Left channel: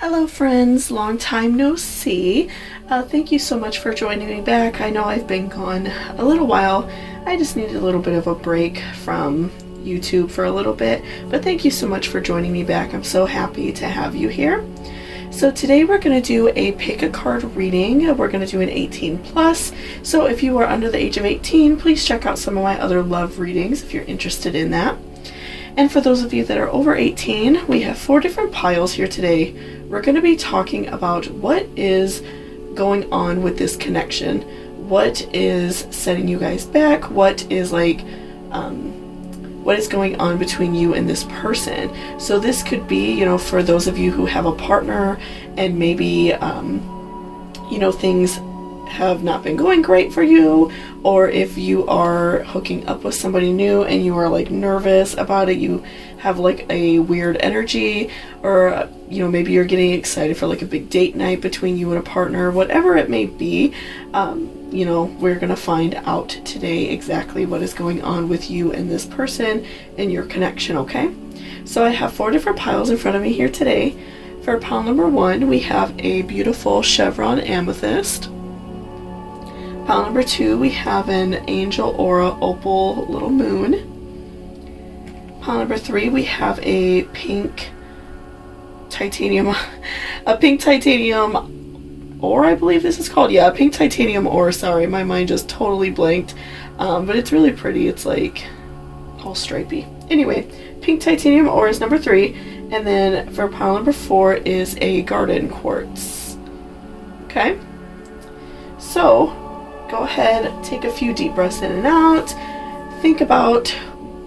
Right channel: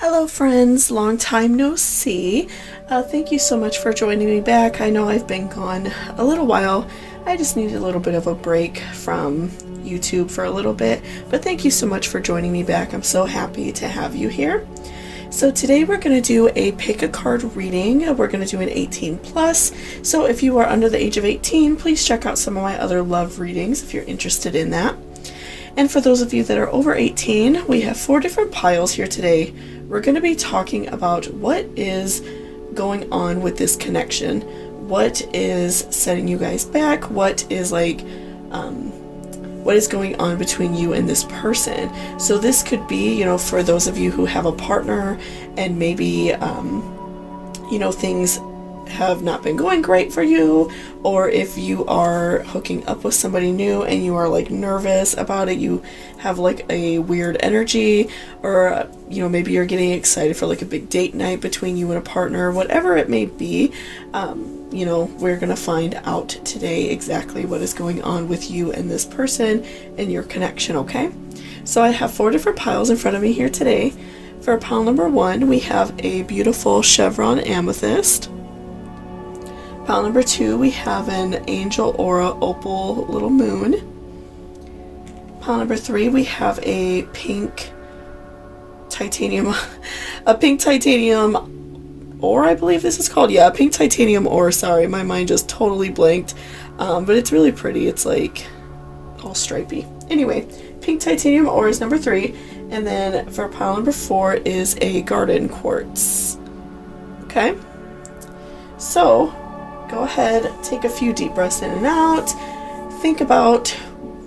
Hello friends, long time no see. Thank you so much for joining me back. I know I've been gone a little while. I just needed a little bit of a break from YouTube for a little bit, but thank you so much for joining me back. I'm so happy to have you here. So today we're going to do a pick a card reading. We're going to do an 18 plus. So if you are under the age of 18, please check out some of my other love readings if you're interested in that. And for those of you that are over 18, we have 4 different piles here today. We're going to be talking about what is going on with this connection. What is setting you guys back? What is going on between you and this person? So this could be, for those of you who have a partner and maybe, things have not been going great for you, or if you are hooking up with somebody new and you are nervous about it, you have a weird energy, or maybe you're getting excited for a big date night between you and a partner, whatever it may be. We're gonna find out today exactly what is going on with you and this person and your connection. Okay, so I have 4 different piles in front of me here today. For pile number 1, we have a beautiful chevron amethyst. Pile number 2, we have an angel aura opal little moon. Pile number 3, we have a pink titanium ore, I believe this is called. Yeah, pink titanium ore. Sorry, my mind just totally blanked. But it's really pretty. It's all stripy. Anyway, pink titanium ore is number 3. And then for pile number 4 is a garden quartz. Okay. So go ahead, take a few deep breaths in and out. Think about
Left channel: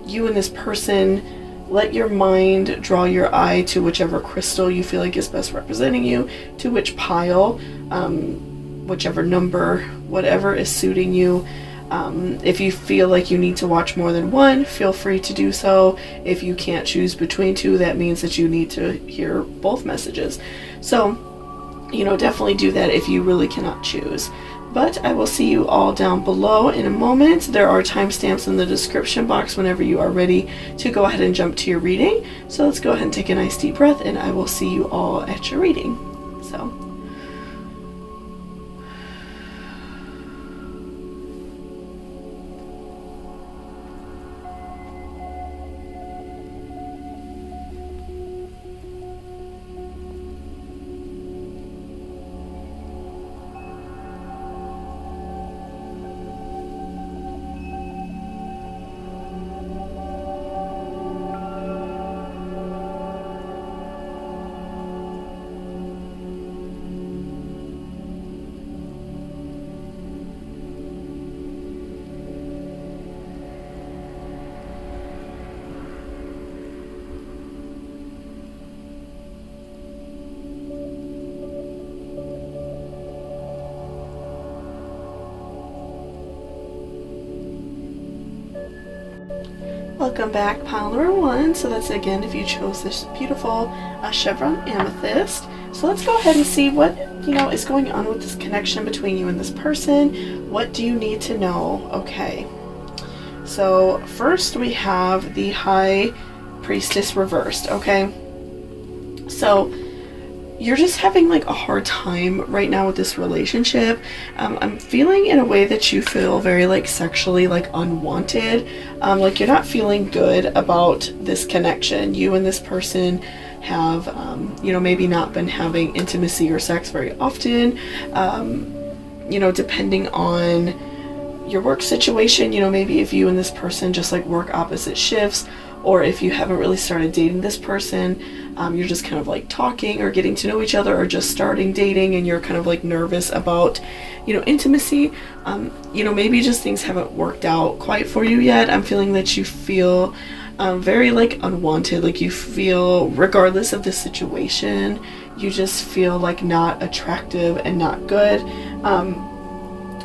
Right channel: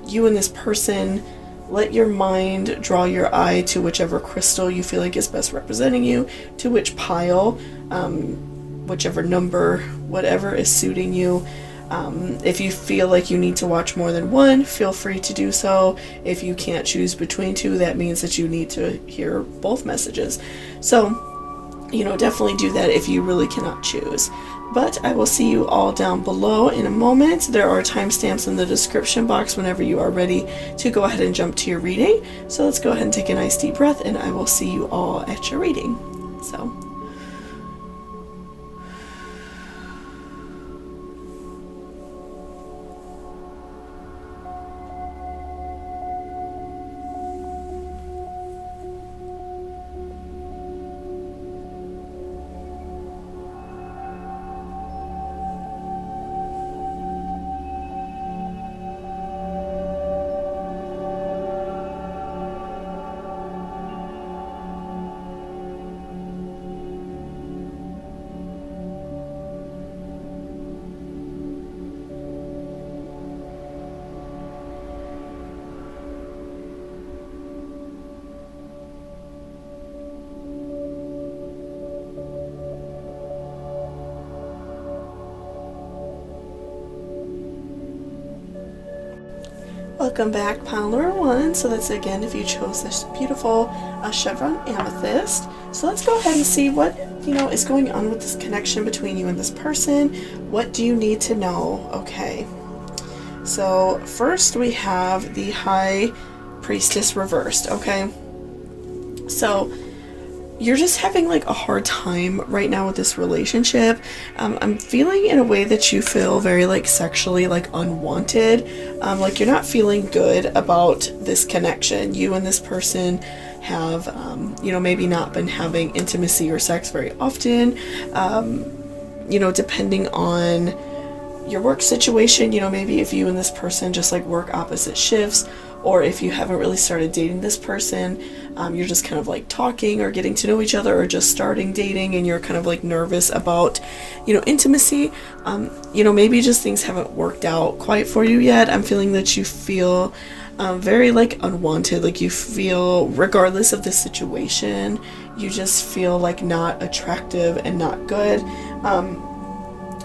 you and this person. Let your mind draw your eye to whichever crystal you feel is best representing you, to which pile, whichever number, whatever is suiting you. If you feel you need to watch more than one, feel free to do so. If you can't choose between 2, that means that you need to hear both messages. So, definitely do that if you really cannot choose. But I will see you all down below in a moment. There are timestamps in the description box whenever you are ready to go ahead and jump to your reading. So let's go ahead and take a nice deep breath, and I will see you all at your reading. So. Welcome back, pile number 1. So that's again if you chose this beautiful chevron amethyst. So let's go ahead and see what is going on with this connection between you and this person. What do you need to know? Okay. So first we have the High Priestess reversed. Okay. So you're just having a hard time right now with this relationship. I'm feeling in a way that you feel very sexually unwanted. You're not feeling good about this connection. You and this person have maybe not been having intimacy or sex very often. Depending on your work situation, maybe if you and this person just work opposite shifts, or if you haven't really started dating this person, you're just kind of talking or getting to know each other, or just starting dating and you're kind of nervous about intimacy. Maybe just things haven't worked out quite for you yet. I'm feeling that you feel very unwanted. You feel, regardless of the situation, you just feel not attractive and not good.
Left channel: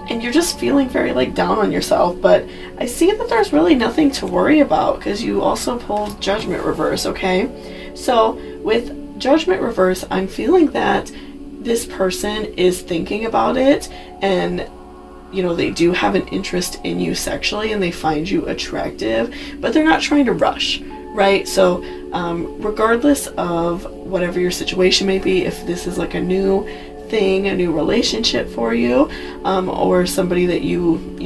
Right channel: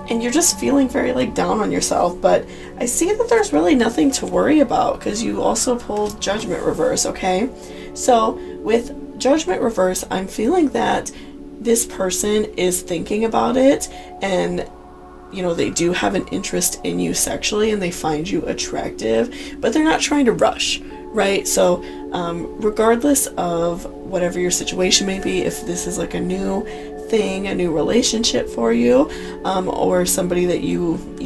And you're just feeling very down on yourself. But I see that there's really nothing to worry about, because you also pulled Judgment reverse. Okay, so with Judgment reverse, I'm feeling that this person is thinking about it, and they do have an interest in you sexually, and they find you attractive, but they're not trying to rush, right? So regardless of whatever your situation may be, if this is like a new thing, a new relationship for you, or somebody that you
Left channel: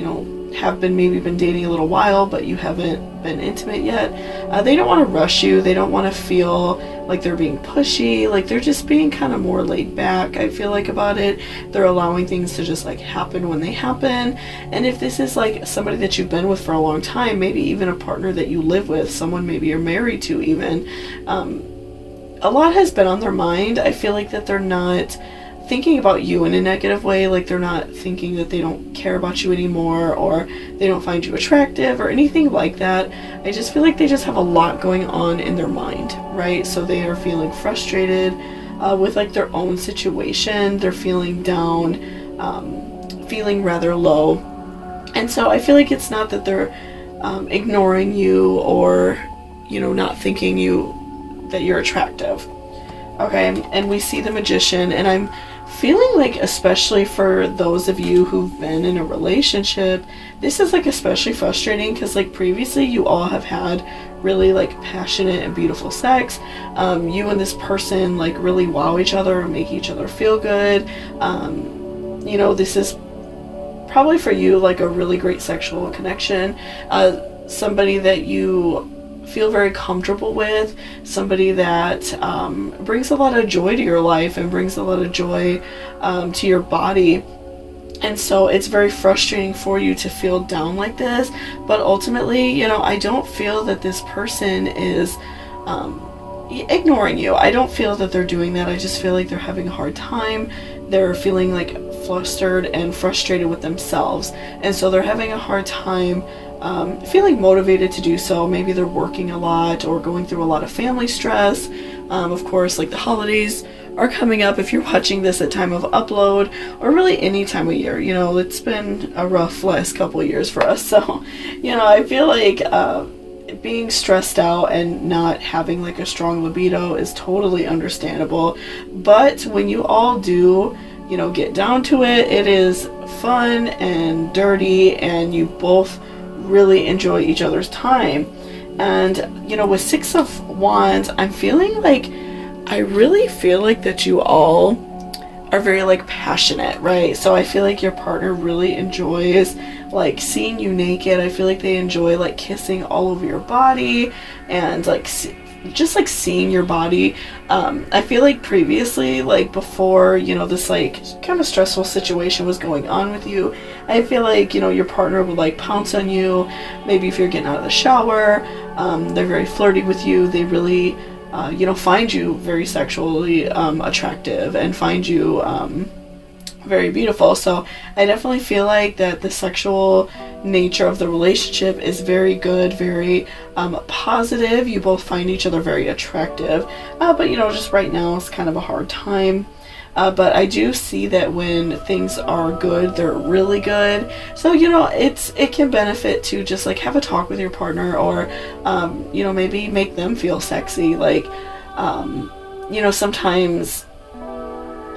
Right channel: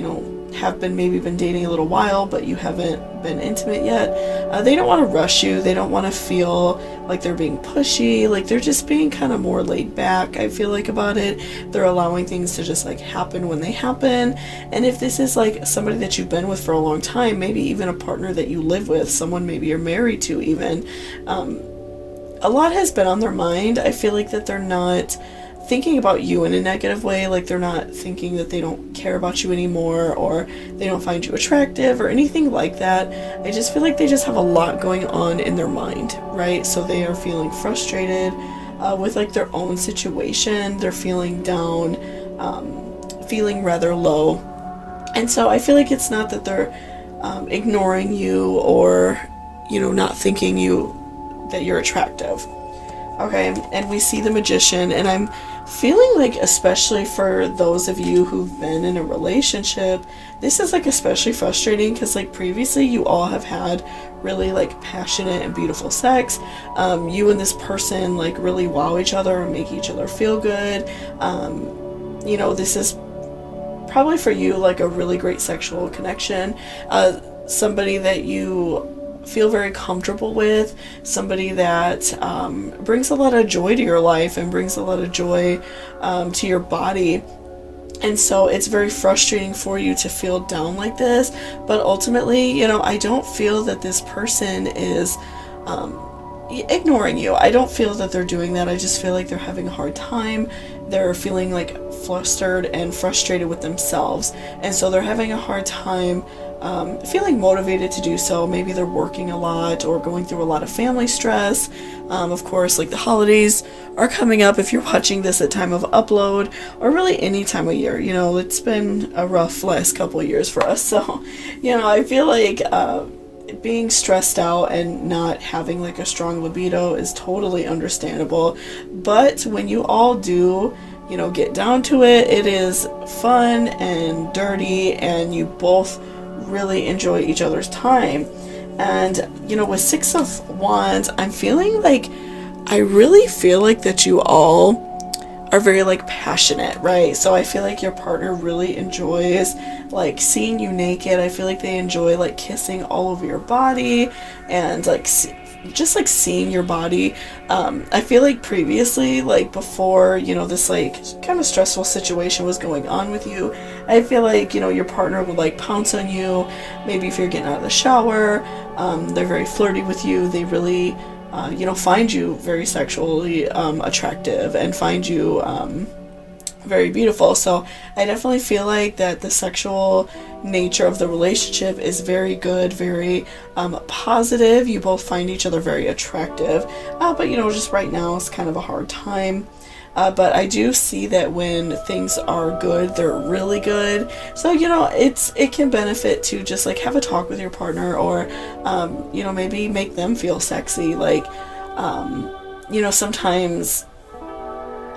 have been dating a little while, but you haven't been intimate yet, they don't want to rush you. They don't want to feel like they're being pushy. Like, they're just being kind of more laid back, I feel like, about it. They're allowing things to just like happen when they happen. And if this is like somebody that you've been with for a long time, maybe even a partner that you live with, someone maybe you're married to even, a lot has been on their mind. I feel like that they're not thinking about you in a negative way. Like, they're not thinking that they don't care about you anymore, or they don't find you attractive or anything like that. I just feel like they just have a lot going on in their mind, right? So they are feeling frustrated with like their own situation. They're feeling down, feeling rather low. And so I feel like it's not that they're ignoring you or not thinking that you're attractive. Okay, and we see the Magician, and I'm feeling like, especially for those of you who've been in a relationship, this is like especially frustrating because like previously you all have had really like passionate and beautiful sex. You and this person like really wow each other and make each other feel good. This is probably for you like a really great sexual connection. Somebody that you feel very comfortable with, somebody that brings a lot of joy to your life and brings a lot of joy to your body. And so it's very frustrating for you to feel down like this, but ultimately, I don't feel that this person is ignoring you. I don't feel that they're doing that. I just feel like they're having a hard time. They're feeling like flustered and frustrated with themselves, and so they're having a hard time feeling motivated to do so. Maybe they're working a lot or going through a lot of family stress. Of course, like the holidays are coming up if you're watching this at time of upload, or really any time of year. It's been a rough last couple of years for us. So, I feel like being stressed out and not having like a strong libido is totally understandable. But when you all do, get down to it, it is fun and dirty, and you both really enjoy each other's time. And with Six of Wands, I'm feeling like, I really feel like that you all are very like passionate, right? So I feel like your partner really enjoys like seeing you naked. I feel like they enjoy like kissing all over your body and like just like seeing your body. I feel like previously, like before, this like kind of stressful situation was going on with you, I feel like, your partner would like pounce on you. Maybe if you're getting out of the shower, they're very flirty with you. They really, find you very sexually attractive and find you very beautiful. So I definitely feel like that the sexual nature of the relationship is very good, very positive. You both find each other very attractive, but just right now it's kind of a hard time. But I do see that when things are good, they're really good. So it can benefit to just like have a talk with your partner, or maybe make them feel sexy. Like sometimes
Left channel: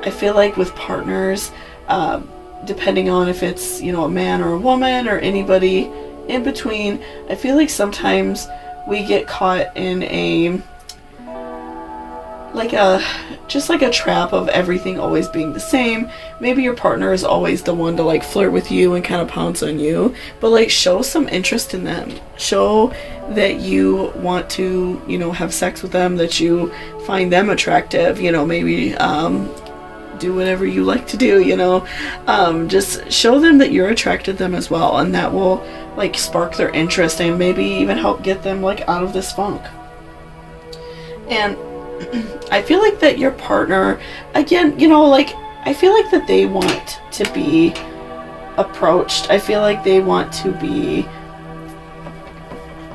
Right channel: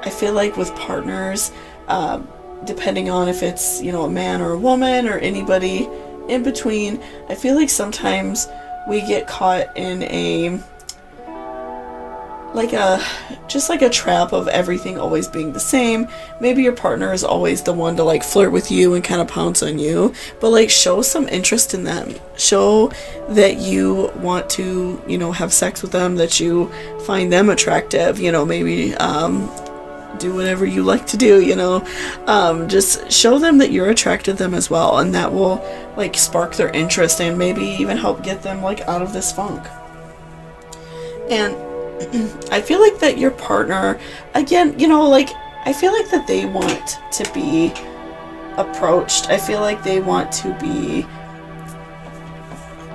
I feel like with partners, depending on if it's, a man or a woman or anybody in between, I feel like sometimes we get caught in a trap of everything always being the same. Maybe your partner is always the one to like flirt with you and kind of pounce on you, but like show some interest in them. Show that you want to, have sex with them, that you find them attractive, maybe do whatever you like to do, just show them that you're attracted to them as well, and that will like spark their interest and maybe even help get them like out of this funk. And I feel like that your partner, again, I feel like that they want to be approached. I feel like they want to be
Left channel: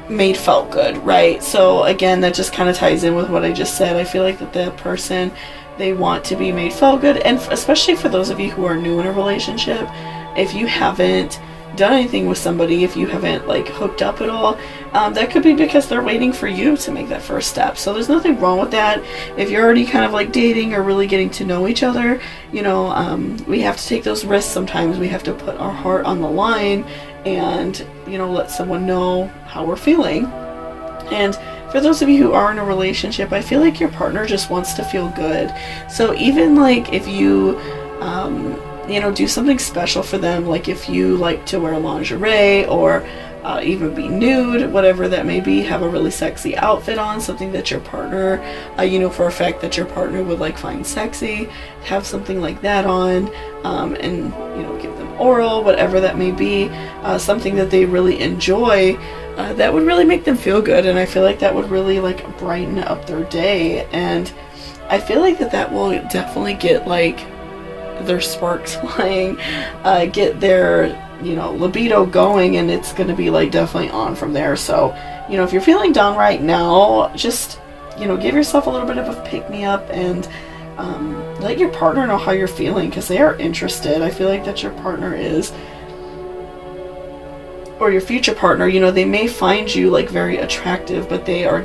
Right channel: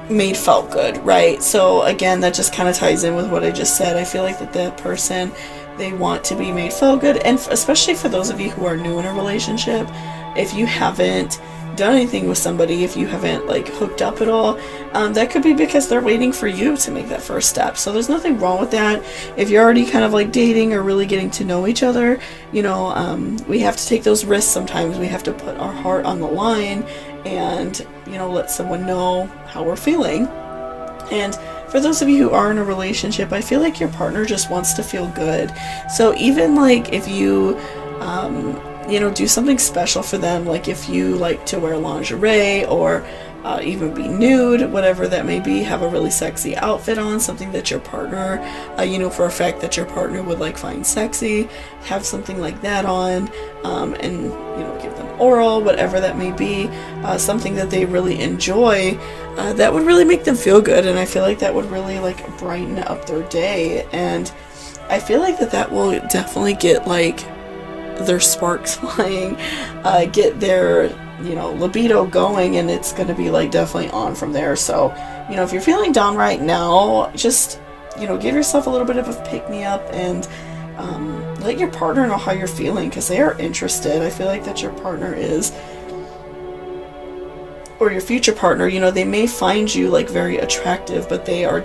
made felt good, right? So again, that just kind of ties in with what I just said. I feel like that the person, they want to be made felt good. And especially for those of you who are new in a relationship, if you haven't done anything with somebody, if you haven't like hooked up at all, that could be because they're waiting for you to make that first step. So there's nothing wrong with that. If you're already kind of like dating or really getting to know each other, we have to take those risks sometimes. We have to put our heart on the line and let someone know how we're feeling. And for those of you who are in a relationship, I feel like your partner just wants to feel good. So even like if you do something special for them, like if you like to wear lingerie or even be nude, whatever that may be, have a really sexy outfit on, something that your partner, for a fact that your partner would like find sexy, have something like that on, and give them oral, whatever that may be, something that they really enjoy, that would really make them feel good, and I feel like that would really like brighten up their day, and I feel like that will definitely get like their sparks flying, get their libido going, and it's going to be like definitely on from there. So if you're feeling down right now, just give yourself a little bit of a pick-me-up, and let your partner know how you're feeling, because they are interested. I feel like that your partner is, or your future partner, they may find you like very attractive, but they're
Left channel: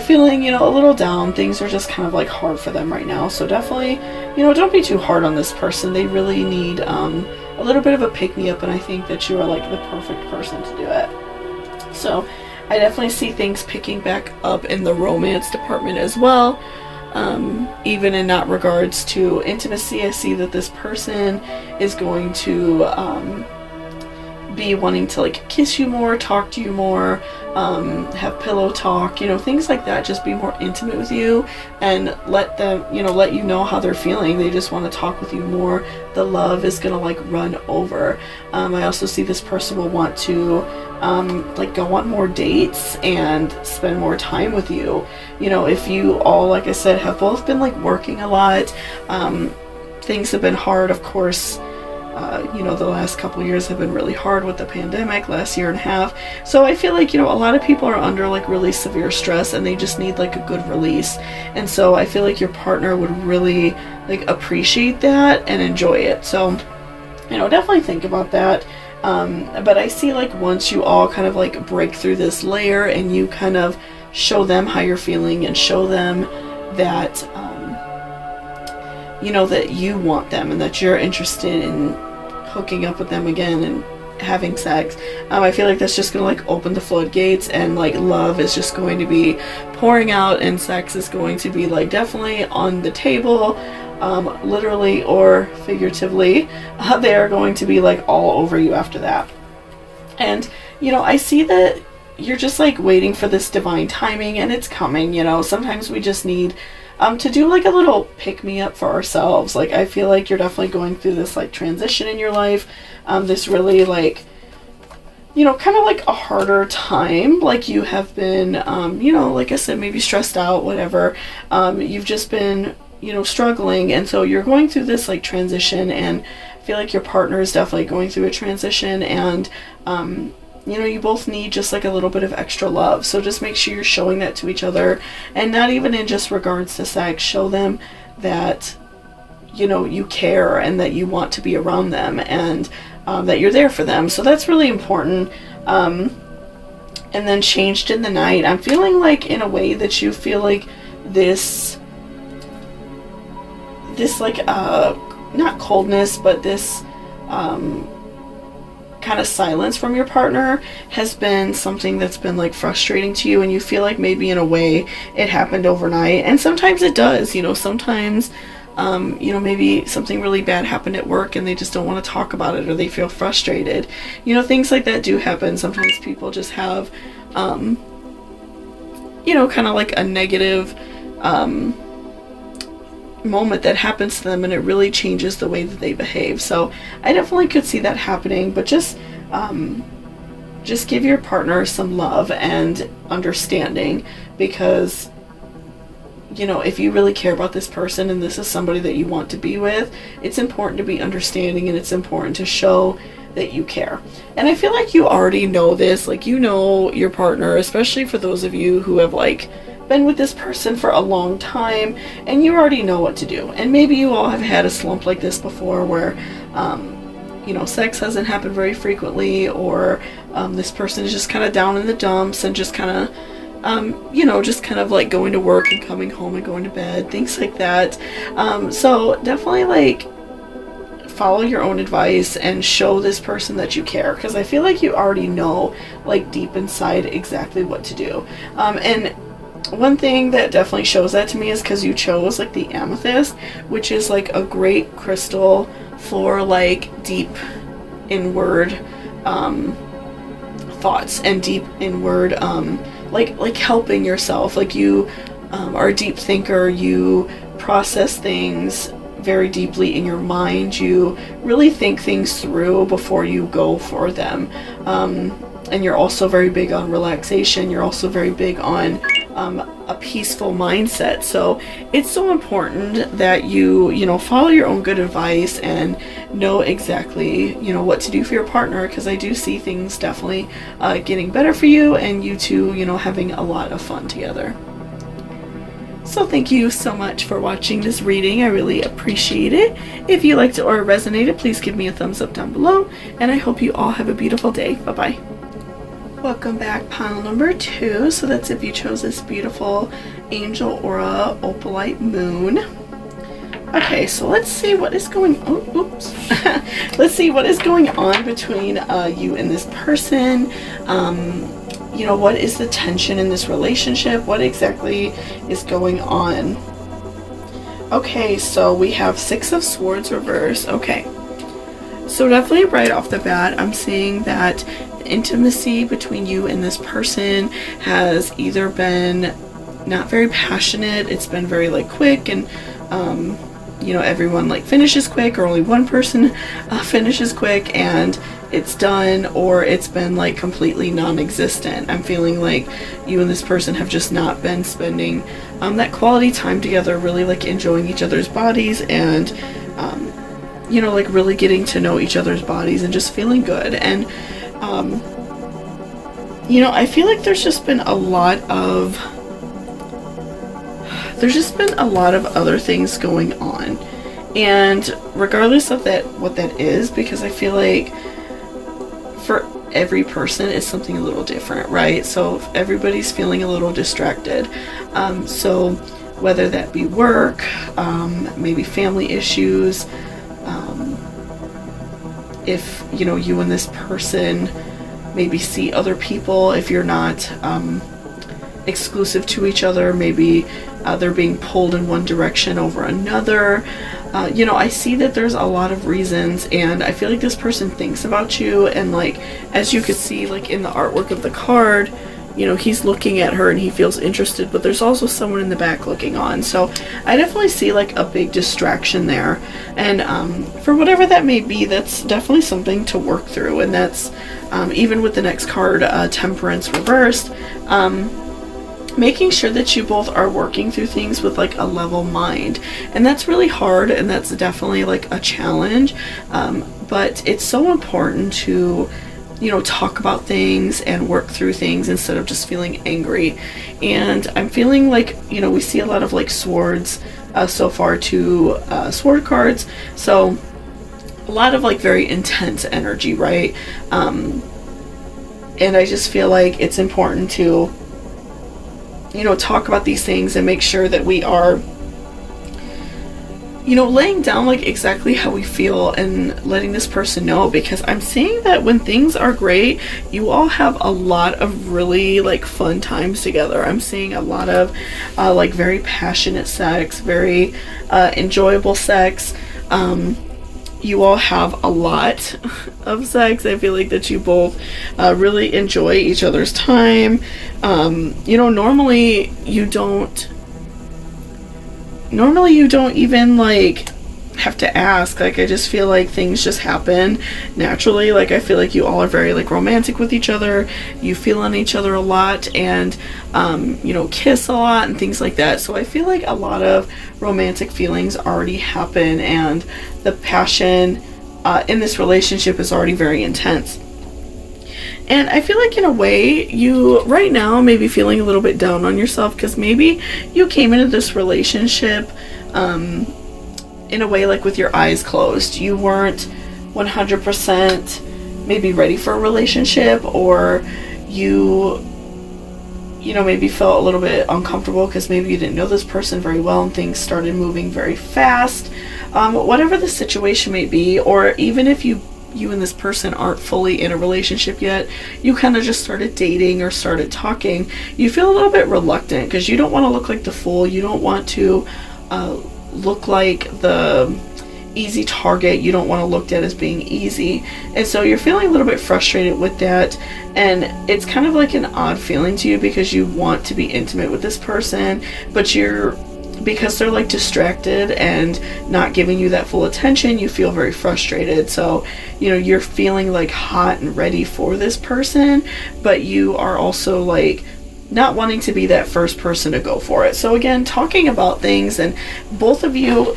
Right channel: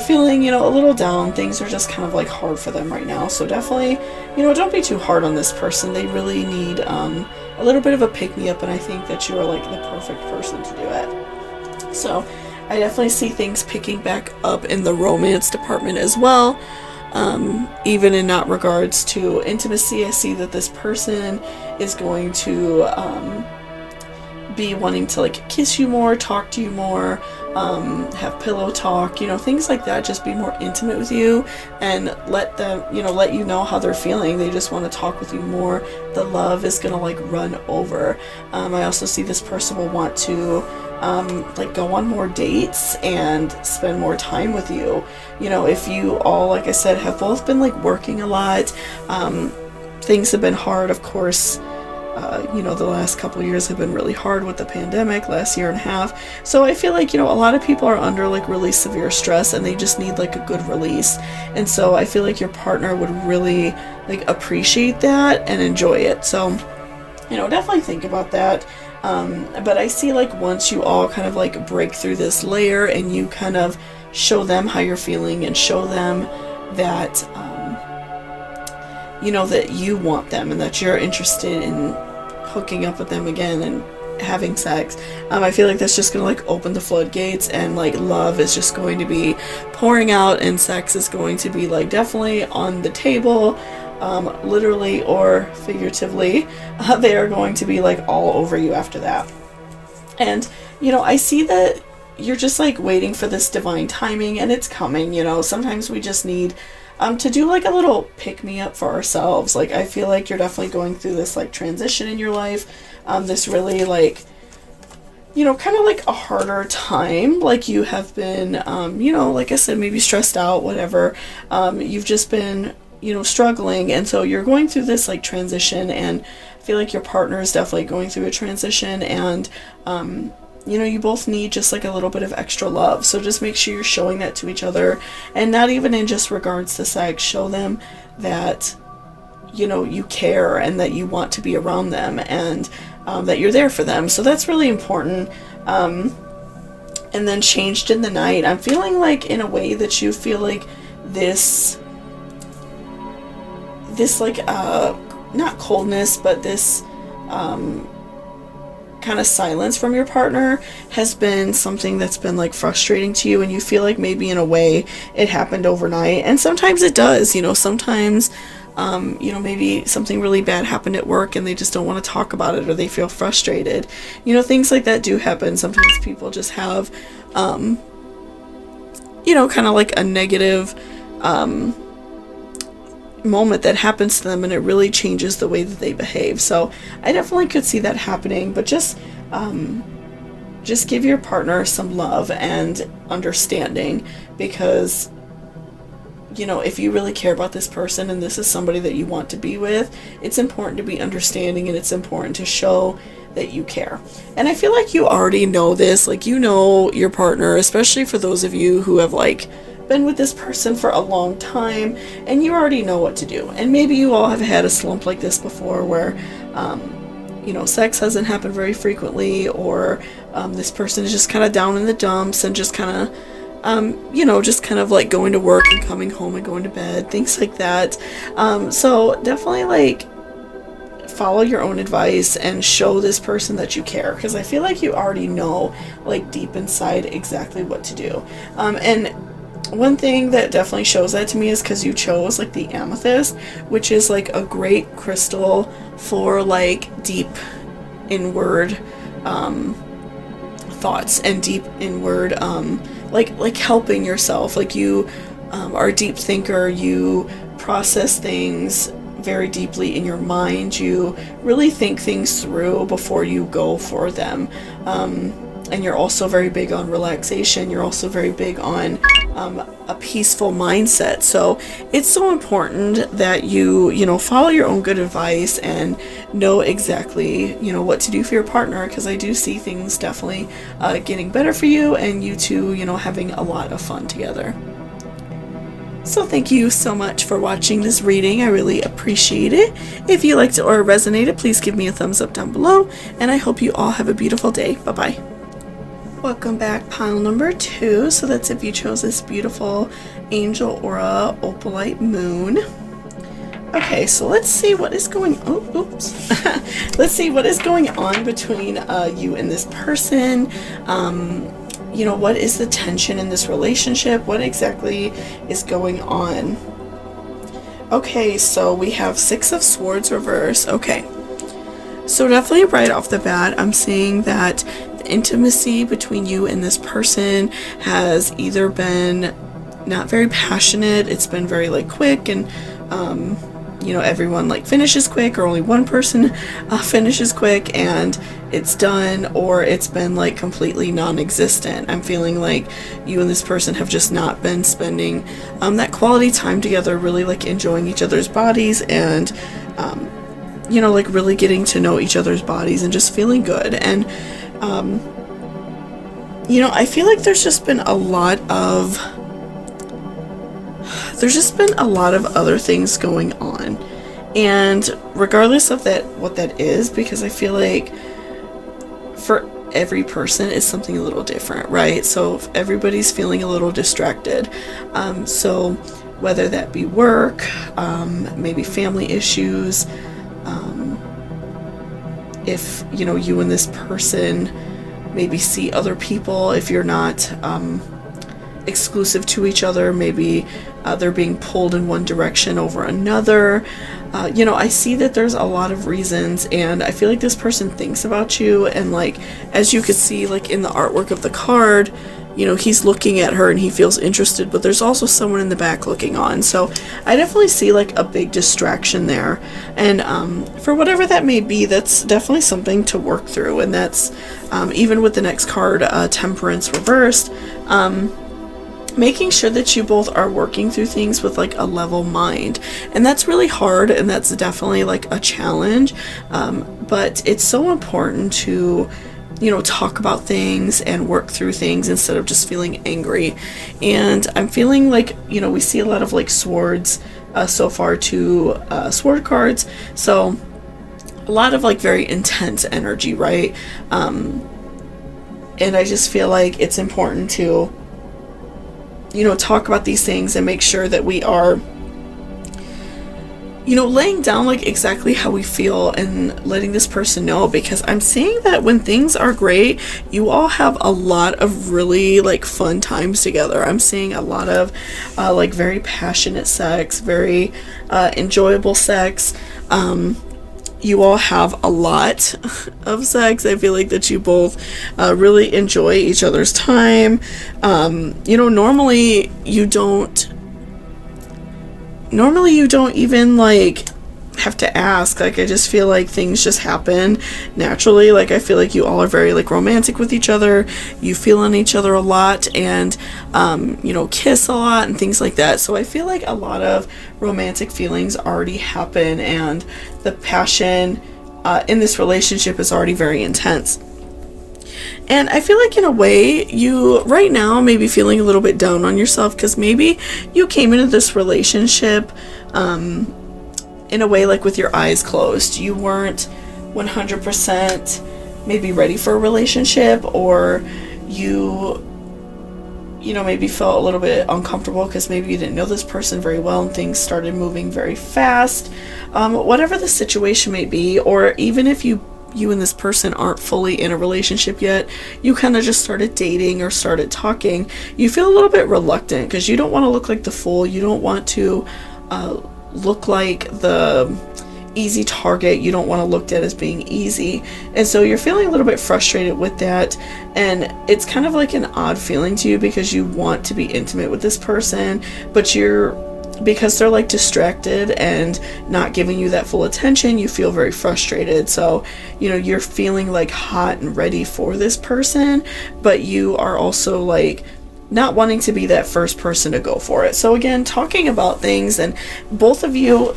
feeling, a little down. Things are just kind of like hard for them right now. So definitely, don't be too hard on this person. They really need a little bit of a pick-me-up, and I think that you are like the perfect person to do it. So I definitely see things picking back up in the romance department as well. Even in that regards to intimacy, I see that this person is going to be wanting to like kiss you more, talk to you more, have pillow talk, things like that. Just be more intimate with you and let them, let you know how they're feeling. They just want to talk with you more. The love is gonna like run over. I also see this person will want to like go on more dates and spend more time with you. If you all, like I said, have both been like working a lot, things have been hard, of course. The last couple years have been really hard with the pandemic, last year and a half. So I feel like, a lot of people are under like really severe stress, and they just need like a good release. And so I feel like your partner would really like appreciate that and enjoy it. So, definitely think about that. But I see like once you all kind of like break through this layer and you kind of show them how you're feeling and show them that, that you want them and that you're interested in hooking up with them again and having sex, I feel like that's just gonna like open the floodgates, and like love is just going to be pouring out, and sex is going to be like definitely on the table, literally or figuratively. They are going to be like all over you after that. And I see that you're just like waiting for this divine timing, and it's coming. Sometimes we just need to do like a little pick-me-up for ourselves. Like I feel like you're definitely going through this like transition in your life, this really like kind of like a harder time. Like you have been like I said, maybe stressed out, whatever. You've just been struggling, and so you're going through this like transition, and I feel like your partner is definitely going through a transition, and you both need just like a little bit of extra love. So just make sure you're showing that to each other, and not even in just regards to sex. Show them that you care, and that you want to be around them, and that you're there for them. So that's really important. And then changed in the night, I'm feeling like in a way that you feel like this like not coldness, but this kind of silence from your partner has been something that's been like frustrating to you, and you feel like maybe in a way it happened overnight. And sometimes it does, sometimes maybe something really bad happened at work and they just don't want to talk about it, or they feel frustrated. Things like that do happen. Sometimes people just have kind of like a negative moment that happens to them, and it really changes the way that they behave. So I definitely could see that happening, but just give your partner some love and understanding, because if you really care about this person and this is somebody that you want to be with, it's important to be understanding, and it's important to show that you care. And I feel like you already know this, like your partner, especially for those of you who have like been with this person for a long time, and you already know what to do. And maybe you all have had a slump like this before, where sex hasn't happened very frequently, or this person is just kind of down in the dumps and just kind of just kind of like going to work and coming home and going to bed, things like that. So definitely like follow your own advice and show this person that you care, because I feel like you already know, like, deep inside exactly what to do. And one thing that definitely shows that to me is because you chose, like, the amethyst, which is, like, a great crystal for, like, deep inward thoughts and deep inward like helping yourself. Like, you are a deep thinker, you process things very deeply in your mind, you really think things through before you go for them, and you're also very big on relaxation, you're also very big on a peaceful mindset. So it's so important that you follow your own good advice and know exactly what to do for your partner, because I do see things definitely getting better for you, and you two having a lot of fun together. So thank you so much for watching this reading. I really appreciate it. If you liked it or resonated, please give me a thumbs up down below, and I hope you all have a beautiful day. Bye-bye. Welcome back, pile number 2. So that's if you chose this beautiful Angel Aura Opalite Moon. Okay, so let's see what is going on. Oops. Let's see what is going on between you and this person. What is the tension in this relationship? What exactly is going on? Okay, so we have 6 of Swords reverse. Okay, so definitely right off the bat, I'm seeing that the intimacy between you and this person has either been not very passionate, it's been very, like, quick, and everyone, like, finishes quick, or only one person finishes quick and it's done, or it's been, like, completely non-existent. I'm feeling like you and this person have just not been spending that quality time together, really, like, enjoying each other's bodies, and like, really getting to know each other's bodies and just feeling good. And I feel like there's just been a lot of other things going on, and regardless of that, what that is, because I feel like for every person it's something a little different, right? So everybody's feeling a little distracted, so whether that be work, maybe family issues, if you and this person maybe see other people, if you're not exclusive to each other, maybe they're being pulled in one direction over another. I see that there's a lot of reasons, and I feel like this person thinks about you, and, like, as you could see, like, in the artwork of the card, he's looking at her and he feels interested, but there's also someone in the back looking on. So I definitely see, like, a big distraction there, and for whatever that may be, that's definitely something to work through. And that's even with the next card, Temperance reversed, making sure that you both are working through things with, like, a level mind. And that's really hard, and that's definitely, like, a challenge, but it's so important to talk about things and work through things instead of just feeling angry. And I'm feeling like we see a lot of, like, swords so far, 2 sword cards, so a lot of, like, very intense energy, right? And I just feel like it's important to talk about these things and make sure that we are laying down, like, exactly how we feel and letting this person know, because I'm seeing that when things are great, you all have a lot of really, like, fun times together. I'm seeing a lot of like, very passionate sex, very enjoyable sex. You all have a lot of sex. I feel like that you both really enjoy each other's time. Normally you don't even, like, have to ask. Like, I just feel like things just happen naturally. Like, I feel like you all are very, like, romantic with each other. You feel on each other a lot, and kiss a lot and things like that. So I feel like a lot of romantic feelings already happen, and the passion in this relationship is already very intense. And I feel like, in a way, you right now may be feeling a little bit down on yourself, because maybe you came into this relationship in a way, like, with your eyes closed. You weren't 100% maybe ready for a relationship, or you maybe felt a little bit uncomfortable because maybe you didn't know this person very well and things started moving very fast. Whatever the situation may be, or even if you and this person aren't fully in a relationship yet, you kind of just started dating or started talking, you feel a little bit reluctant because you don't want to look like the fool. You don't want to look like the easy target. You don't want to look at as being easy, and so you're feeling a little bit frustrated with that, and it's kind of like an odd feeling to you because you want to be intimate with this person, but because they're like distracted and not giving you that full attention, you feel very frustrated. So you're feeling like hot and ready for this person, but you are also like not wanting to be that first person to go for it. So again, talking about things and both of you,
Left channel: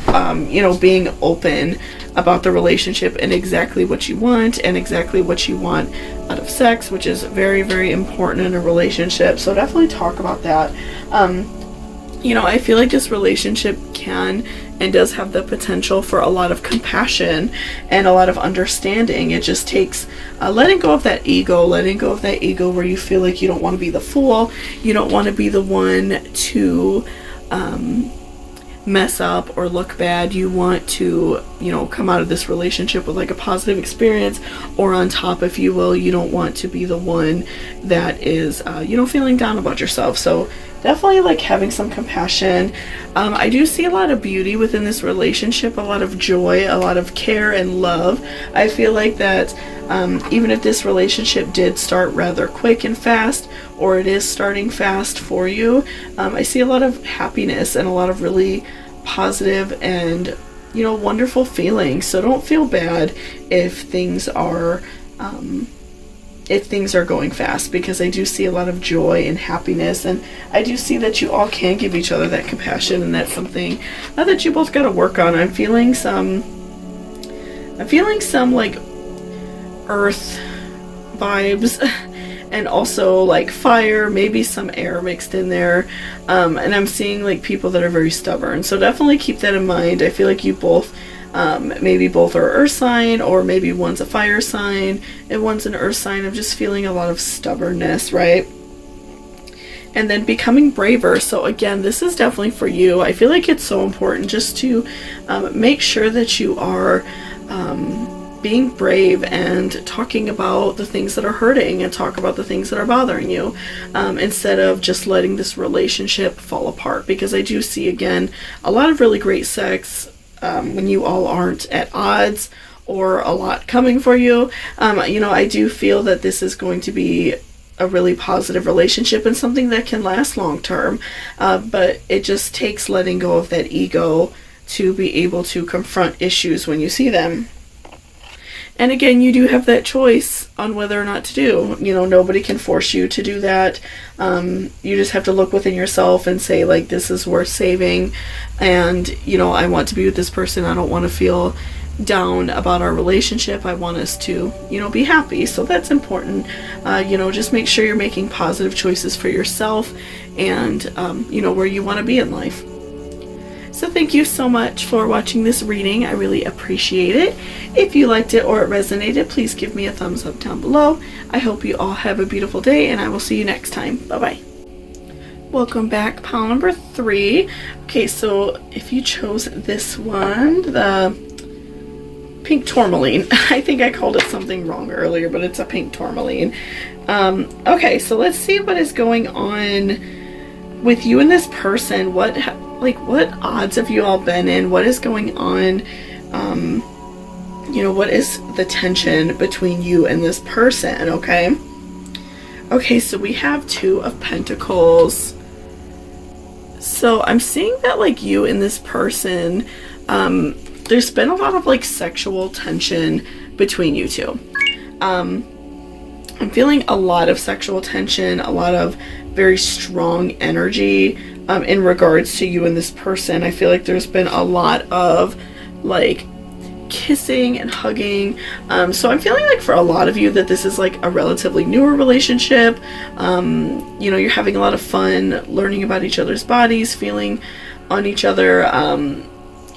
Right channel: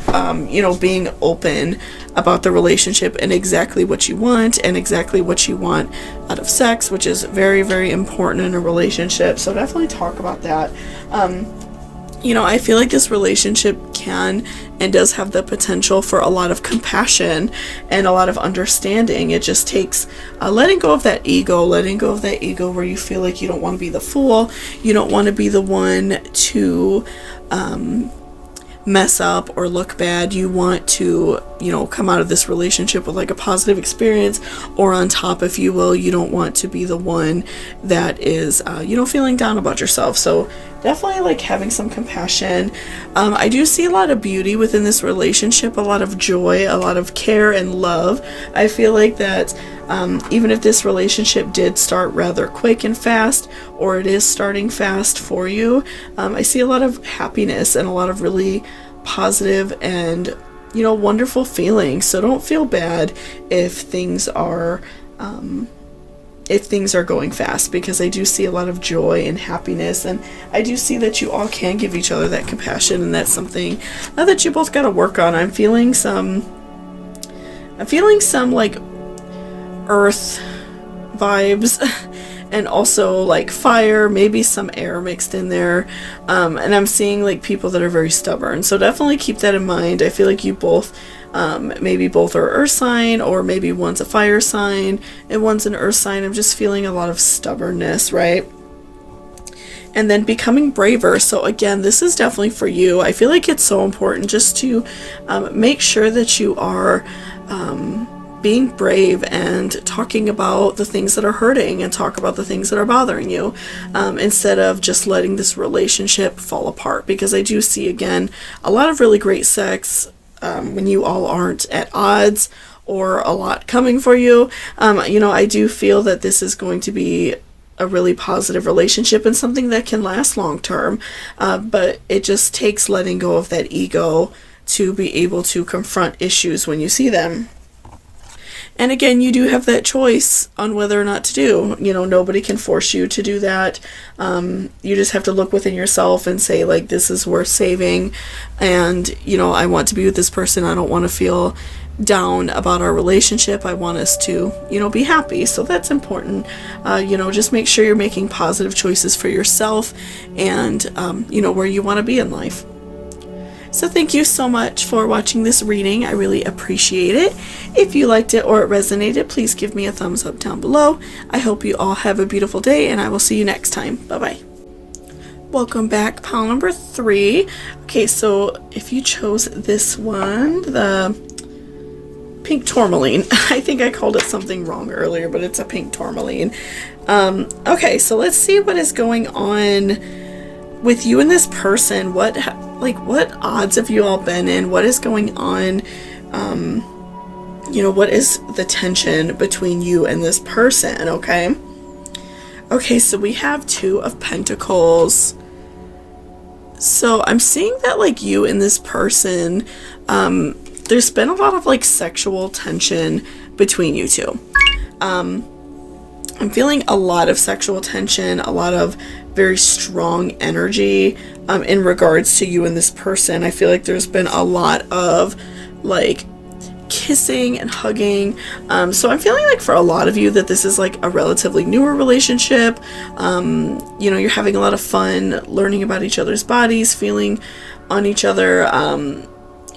being open about the relationship and exactly what you want and exactly what you want out of sex, which is very, very important in a relationship. So definitely talk about that. I feel like this relationship can and does have the potential for a lot of compassion and a lot of understanding. It just takes letting go of that ego where you feel like you don't want to be the fool. You don't want to be the one to mess up or look bad. You want to, come out of this relationship with like a positive experience or on top, if you will. You don't want to be the one that is, feeling down about yourself. So definitely like having some compassion. I do see a lot of beauty within this relationship, a lot of joy, a lot of care and love. I feel like that even if this relationship did start rather quick and fast, or it is starting fast for you, I see a lot of happiness and a lot of really positive and wonderful feelings. So don't feel bad if things are going fast, because I do see a lot of joy and happiness, and I do see that you all can give each other that compassion, and that's something that you both got to work on. I'm feeling some like earth vibes and also like fire, maybe some air mixed in there, and I'm seeing like people that are very stubborn. So definitely keep that in mind. I feel like you both maybe both are earth sign, or maybe one's a fire sign and one's an earth sign. I'm just feeling a lot of stubbornness, right? And then becoming braver. So again, this is definitely for you. I feel like it's so important just to make sure that you are being brave and talking about the things that are hurting and talk about the things that are bothering you, instead of just letting this relationship fall apart. Because I do see, again, a lot of really great sex when you all aren't at odds or a lot coming for you. I do feel that this is going to be a really positive relationship and something that can last long term, but it just takes letting go of that ego to be able to confront issues when you see them. And again, you do have that choice on whether or not to do. Nobody can force you to do that. You just have to look within yourself and say, like, this is worth saving. And, I want to be with this person. I don't want to feel down about our relationship. I want us to, be happy. So that's important. Just make sure you're making positive choices for yourself and, where you want to be in life. So thank you so much for watching this reading. I really appreciate it. If you liked it or it resonated, please give me a thumbs up down below. I hope you all have a beautiful day, and I will see you next time. Bye-bye. Welcome back, pile number 3. Okay, so if you chose this one, the pink tourmaline. I think I called it something wrong earlier, but it's a pink tourmaline. Okay, so let's see what is going on with you and this person. What odds have you all been in? What is going on? What is the tension between you and this person? Okay, so we have 2 of Pentacles. So I'm seeing that like you and this person, there's been a lot of sexual tension between you two. I'm feeling a lot of sexual tension, a lot of very strong energy in regards to you and this person. I feel like there's been a lot of kissing and hugging. So I'm feeling like for a lot of you that this is a relatively newer relationship. You're having a lot of fun learning about each other's bodies, feeling on each other,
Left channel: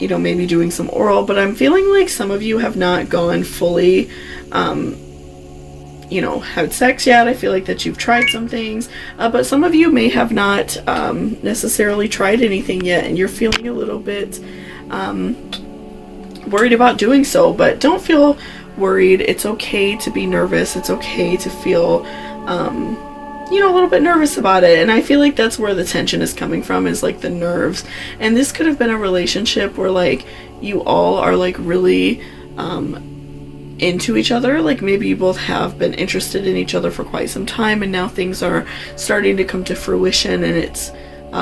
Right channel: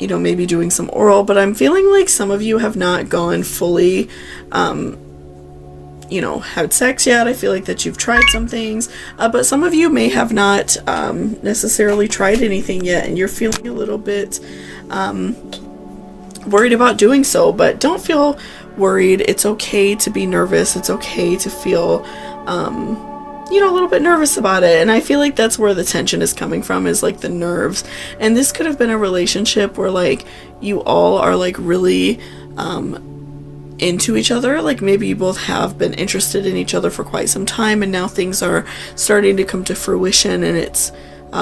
maybe doing some oral, but I'm feeling like some of you have not gone fully, had sex yet. I feel like that you've tried some things, but some of you may have not necessarily tried anything yet, and you're feeling a little bit worried about doing so. But don't feel worried. It's okay to be nervous. It's okay to feel a little bit nervous about it. And I feel like that's where the tension is coming from, is like the nerves. And this could have been a relationship where like you all are like really into each other. Like maybe you both have been interested in each other for quite some time, and now things are starting to come to fruition, and it's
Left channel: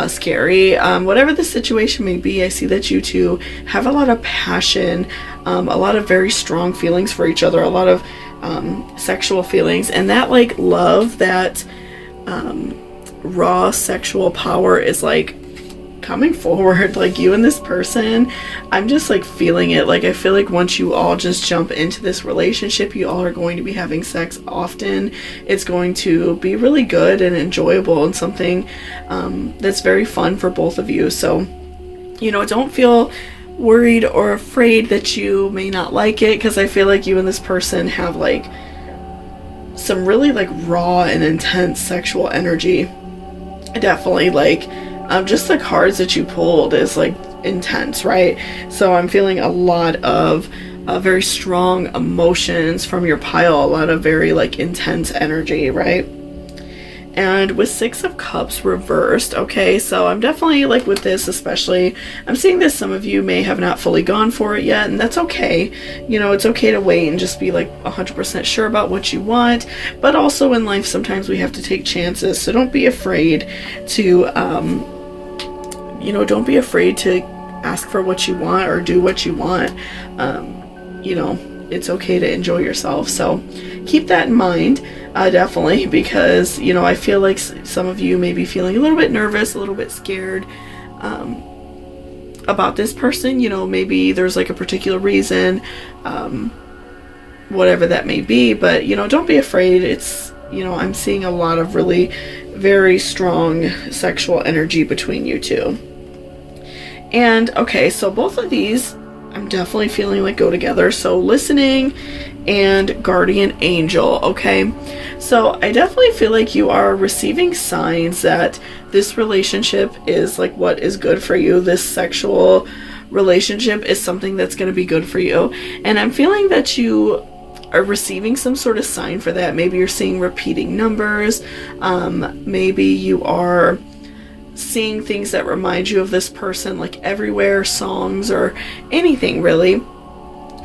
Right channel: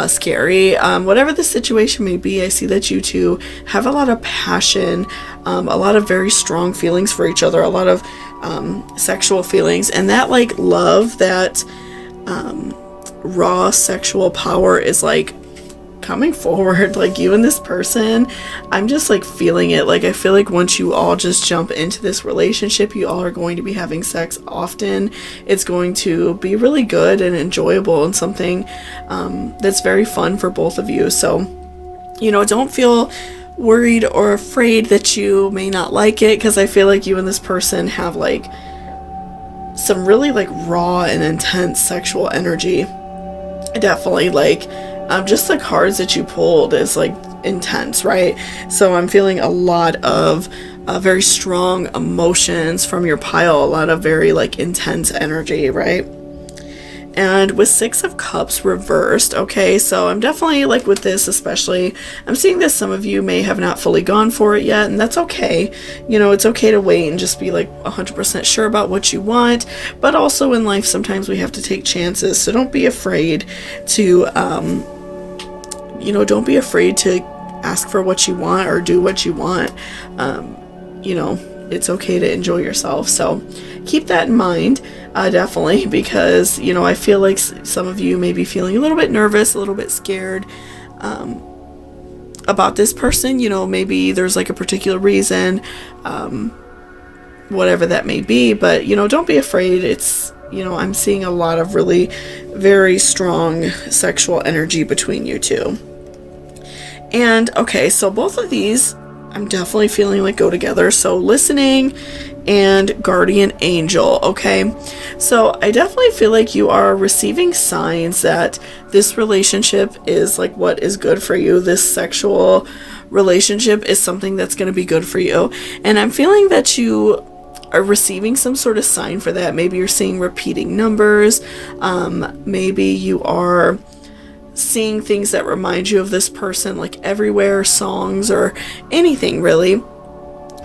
scary. Whatever the situation may be, I see that you two have a lot of passion, a lot of very strong feelings for each other, a lot of sexual feelings, and that like love, that raw sexual power is like coming forward. Like you and this person, I'm just like feeling it. Like I feel like once you all just jump into this relationship, you all are going to be having sex often. It's going to be really good and enjoyable, and something that's very fun for both of you. So don't feel worried or afraid that you may not like it, because I feel like you and this person have like some really like raw and intense sexual energy. Definitely like just the cards that you pulled is like intense, right? So I'm feeling a lot of very strong emotions from your pile, a lot of very like intense energy, right? And with 6 of Cups reversed, okay, so I'm definitely like with this especially, I'm seeing that some of you may have not fully gone for it yet, and that's okay. It's okay to wait and just be like 100% sure about what you want, but also in life sometimes we have to take chances, so don't be afraid to don't be afraid to ask for what you want or do what you want. It's okay to enjoy yourself. So keep that in mind, definitely, because, I feel like some of you may be feeling a little bit nervous, a little bit scared about this person. Maybe there's like a particular reason, whatever that may be, but, don't be afraid. It's, I'm seeing a lot of really very strong sexual energy between you two. And okay, so both of these I'm definitely feeling like go together. So listening and guardian angel, okay? So I definitely feel like you are receiving signs that this relationship is like what is good for you. This sexual relationship is something that's going to be good for you. And I'm feeling that you are receiving some sort of sign for that. Maybe you're seeing repeating numbers. Maybe you are seeing things that remind you of this person, like everywhere, songs or anything really.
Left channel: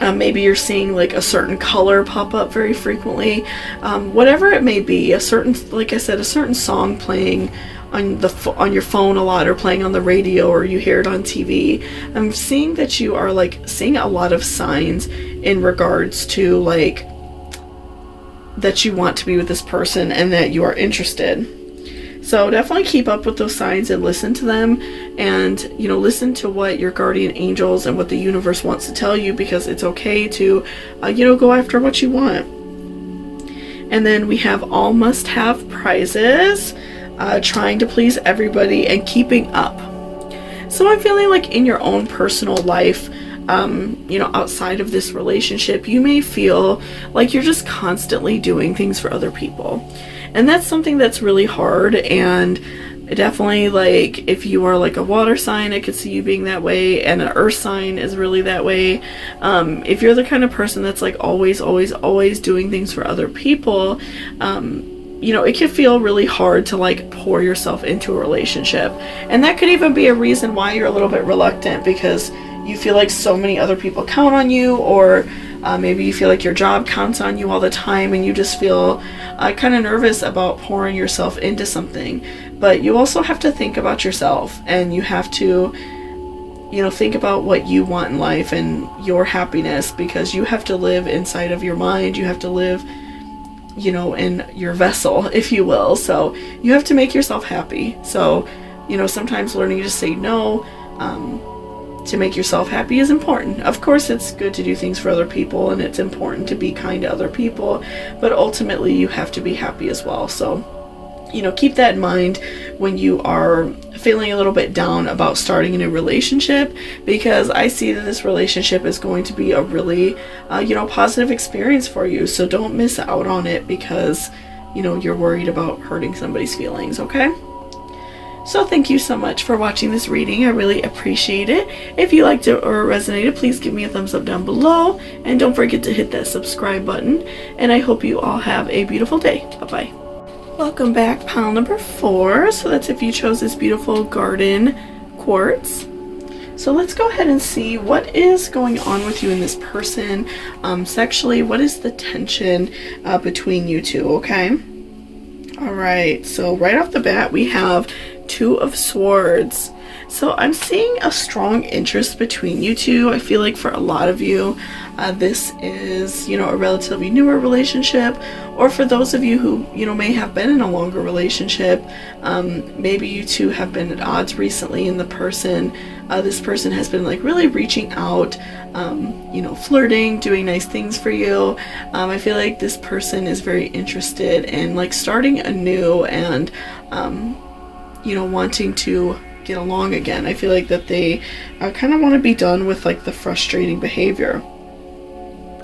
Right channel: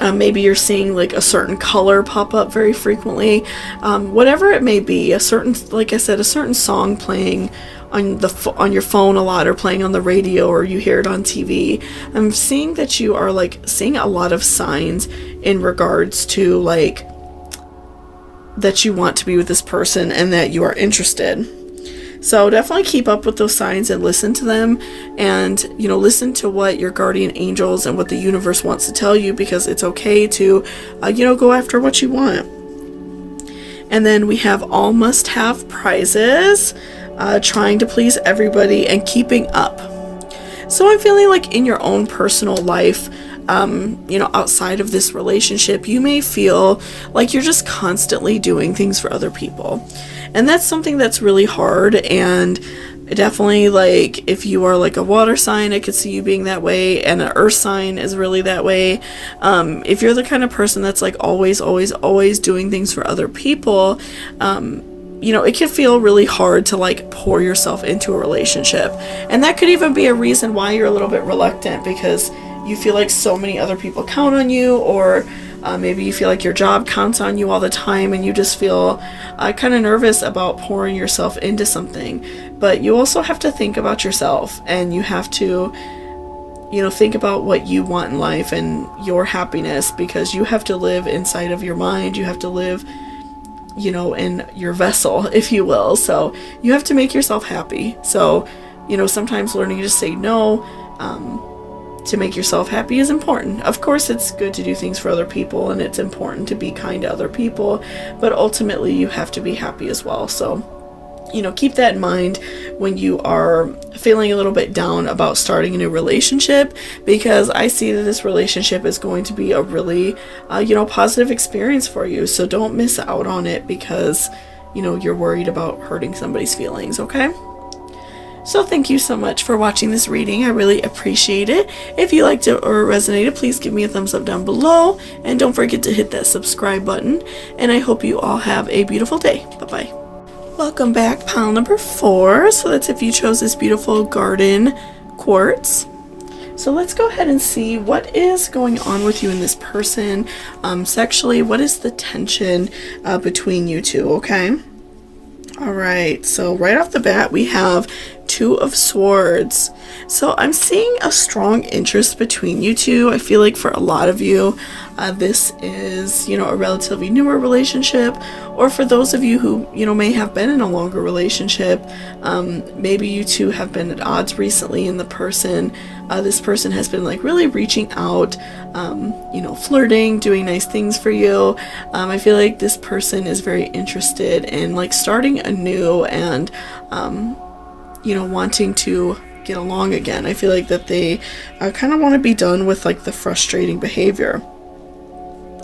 Maybe you're seeing like a certain color pop up very frequently. Whatever it may be, a certain, like I said, a certain song playing on your phone a lot, or playing on the radio, or you hear it on TV. I'm seeing that you are like seeing a lot of signs in regards to like that you want to be with this person and that you are interested. So definitely keep up with those signs and listen to them, and listen to what your guardian angels and what the universe wants to tell you, because it's okay to go after what you want. And then we have all must have prizes, trying to please everybody and keeping up. So I'm feeling like in your own personal life, outside of this relationship, you may feel like you're just constantly doing things for other people. And that's something that's really hard, and definitely like if you are like a water sign, I could see you being that way, and an earth sign is really that way. If you're the kind of person that's like always doing things for other people, it can feel really hard to like pour yourself into a relationship. And that could even be a reason why you're a little bit reluctant, because you feel like so many other people count on you, or maybe you feel like your job counts on you all the time, and you just feel kind of nervous about pouring yourself into something. But you also have to think about yourself, and you have to think about what you want in life and your happiness, because you have to live inside of your mind. You have to live in your vessel, if you will. So you have to make yourself happy. So sometimes learning to say no to make yourself happy is important. Of course, it's good to do things for other people, and it's important to be kind to other people, but ultimately you have to be happy as well. So keep that in mind when you are feeling a little bit down about starting a new relationship, because I see that this relationship is going to be a really, positive experience for you. So don't miss out on it because, you're worried about hurting somebody's feelings, okay? So thank you so much for watching this reading. I really appreciate it. If you liked it or resonated, please give me a thumbs up down below. And don't forget to hit that subscribe button. And I hope you all have a beautiful day. Bye-bye. Welcome back, pile number 4. So that's if you chose this beautiful garden quartz. So let's go ahead and see what is going on with you and this person. Sexually, what is the tension between you two, okay? All right, so right off the bat, we have 2 of Swords. So I'm seeing a strong interest between you two. I feel like for a lot of you, this is, a relatively newer relationship, or for those of you who, may have been in a longer relationship, maybe you two have been at odds recently, and this person has been like really reaching out, flirting, doing nice things for you. I feel like this person is very interested in like starting anew and, wanting to get along again. I feel like that they kind of want to be done with like the frustrating behavior.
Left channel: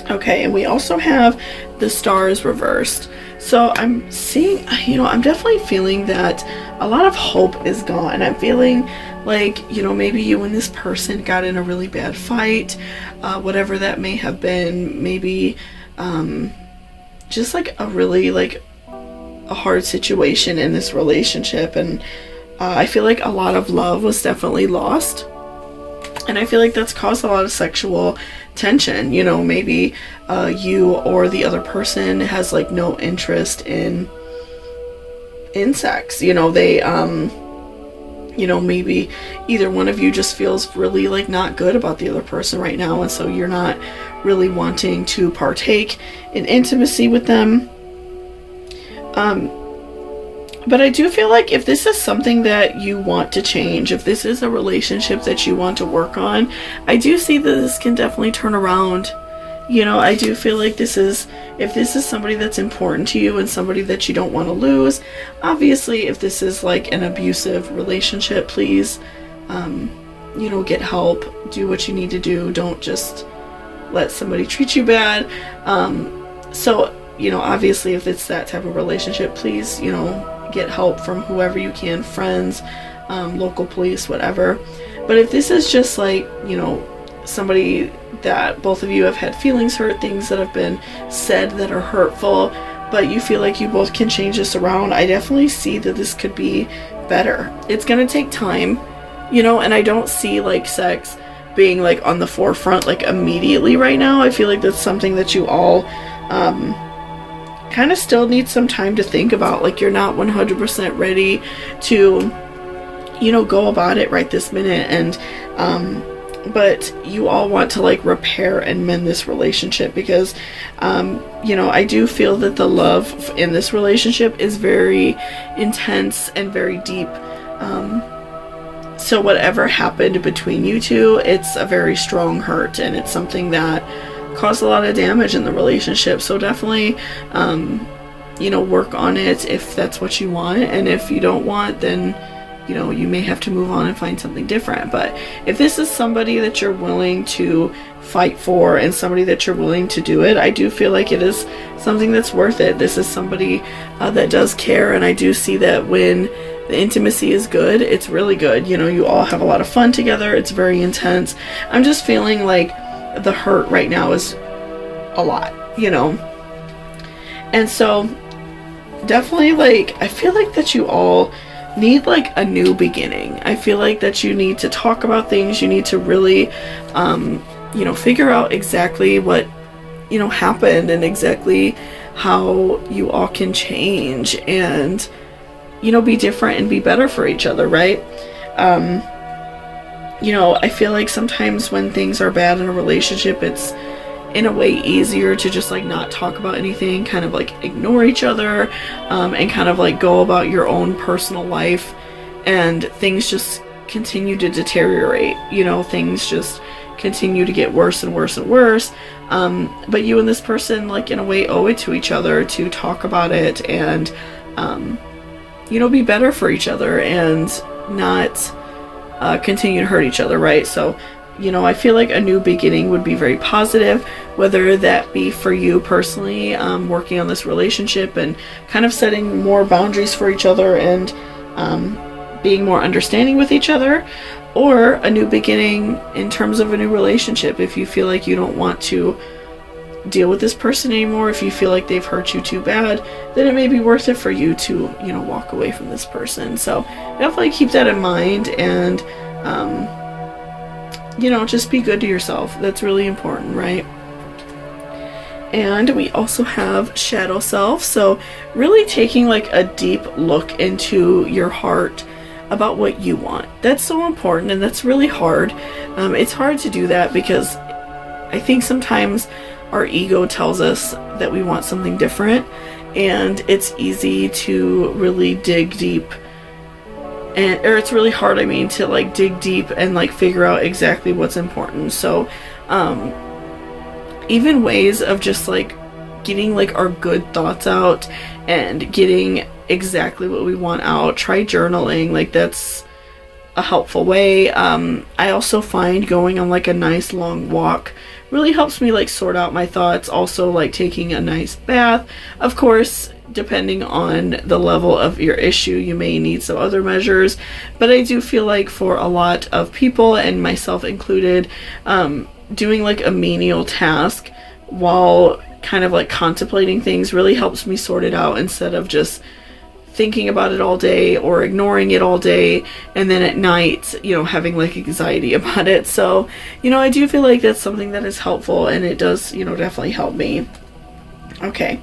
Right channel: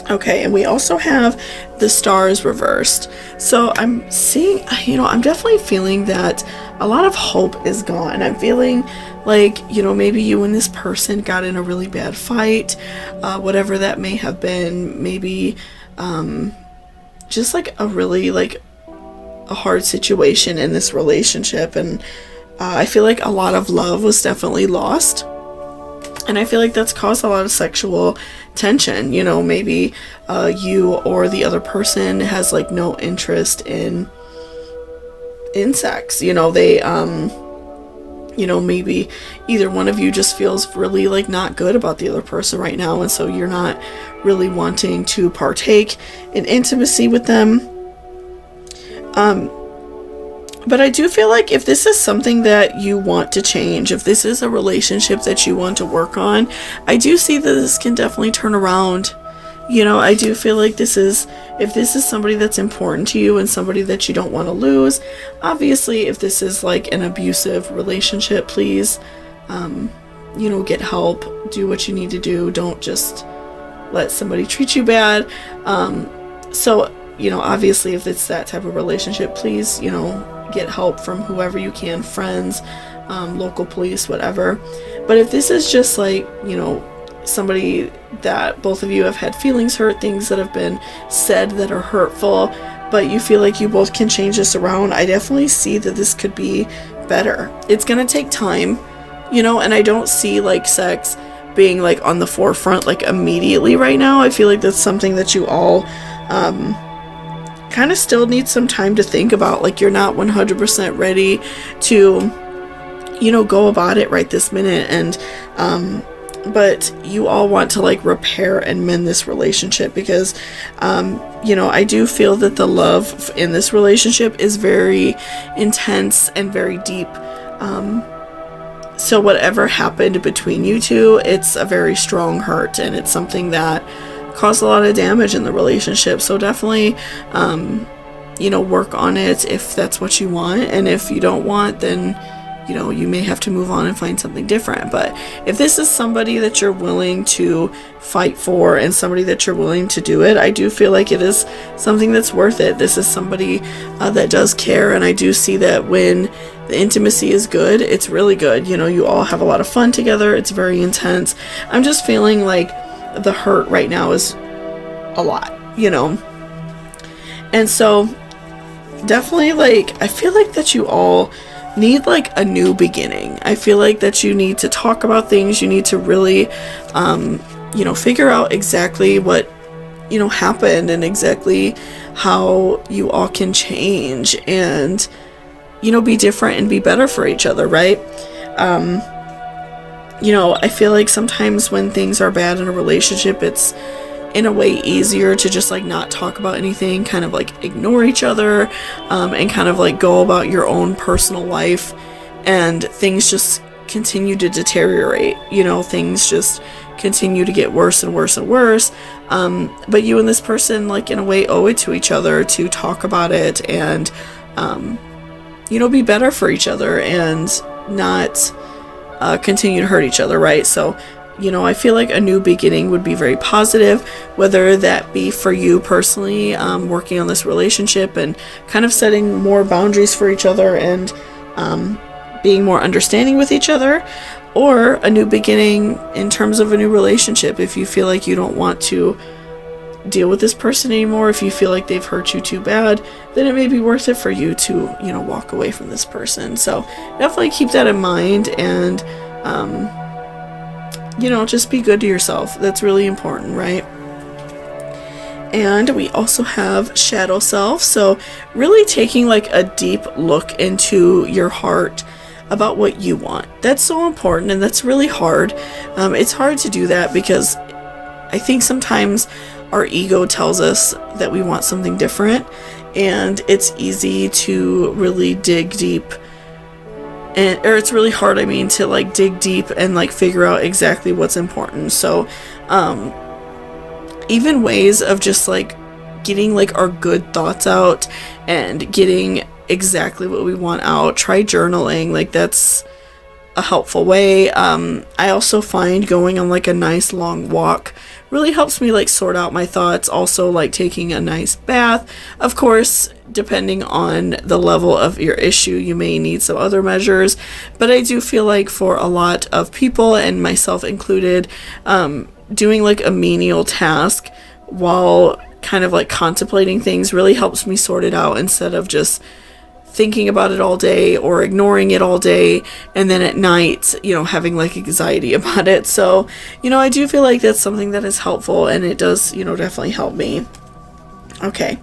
Okay, and we also have the stars reversed. So I'm seeing, I'm definitely feeling that a lot of hope is gone. I'm feeling like, maybe you and this person got in a really bad fight, whatever that may have been, maybe just like a really like a hard situation in this relationship, and I feel like a lot of love was definitely lost, and I feel like that's caused a lot of sexual tension. Maybe you or the other person has like no interest in sex. They maybe either one of you just feels really like not good about the other person right now, and so you're not really wanting to partake in intimacy with them. But I do feel like if this is something that you want to change, if this is a relationship that you want to work on, I do see that this can definitely turn around. I do feel like if this is somebody that's important to you and somebody that you don't want to lose, obviously if this is like an abusive relationship, please, get help, do what you need to do. Don't just let somebody treat you bad. Obviously if it's that type of relationship, please, get help from whoever you can, friends, local police, whatever. But if this is just like, somebody that both of you have had feelings hurt, things that have been said that are hurtful, but you feel like you both can change this around, I definitely see that this could be better. It's gonna take time, and I don't see like sex being like on the forefront like immediately right now. I feel like that's something that you all kind of still need some time to think about. Like you're not 100% ready to go about it right this minute, and but you all want to like repair and mend this relationship because I do feel that the love in this relationship is very intense and very deep. So whatever happened between you two, it's a very strong hurt, and it's something that caused a lot of damage in the relationship. So definitely work on it if that's what you want, and if you don't want, then you may have to move on and find something different. But if this is somebody that you're willing to fight for and somebody that you're willing to do it, I do feel like it is something that's worth it. This is somebody that does care, and I do see that when the intimacy is good, it's really good. You all have a lot of fun together. It's very intense. I'm just feeling like the hurt right now is a lot, and so definitely like I feel like that you all need like a new beginning. I feel like that you need to talk about things. You need to really figure out exactly what happened and exactly how you all can change and be different and be better for each other, right? I feel like sometimes when things are bad in a relationship, it's in a way easier to just like not talk about anything, kind of like ignore each other, and kind of like go about your own personal life, and things just continue to deteriorate. Things just continue to get worse and worse and worse. But you and this person, like in a way, owe it to each other to talk about it and be better for each other and not continue to hurt each other, right? So, I feel like a new beginning would be very positive, whether that be for you personally, working on this relationship and kind of setting more boundaries for each other and being more understanding with each other, or a new beginning in terms of a new relationship. If you feel like you don't want to deal with this person anymore, if you feel like they've hurt you too bad, then it may be worth it for you to, walk away from this person. So definitely keep that in mind, and just be good to yourself. That's really important, right? And we also have shadow self. So really taking like a deep look into your heart about what you want. That's so important, and that's really hard. It's hard to do that because I think sometimes our ego tells us that we want something different, and it's easy to really dig deep, or it's really hard, to like dig deep and like figure out exactly what's important. So even ways of just like getting like our good thoughts out and getting exactly what we want out. Try journaling. Like, that's a helpful way. I also find going on like a nice long walk really helps me like sort out my thoughts. Also, like taking a nice bath. Of course, depending on the level of your issue, you may need some other measures, but I do feel like for a lot of people, and myself included, doing like a menial task while kind of like contemplating things really helps me sort it out, instead of just thinking about it all day or ignoring it all day, and then at night, having like anxiety about it. So, I do feel like that's something that is helpful, and it does, definitely help me. Okay.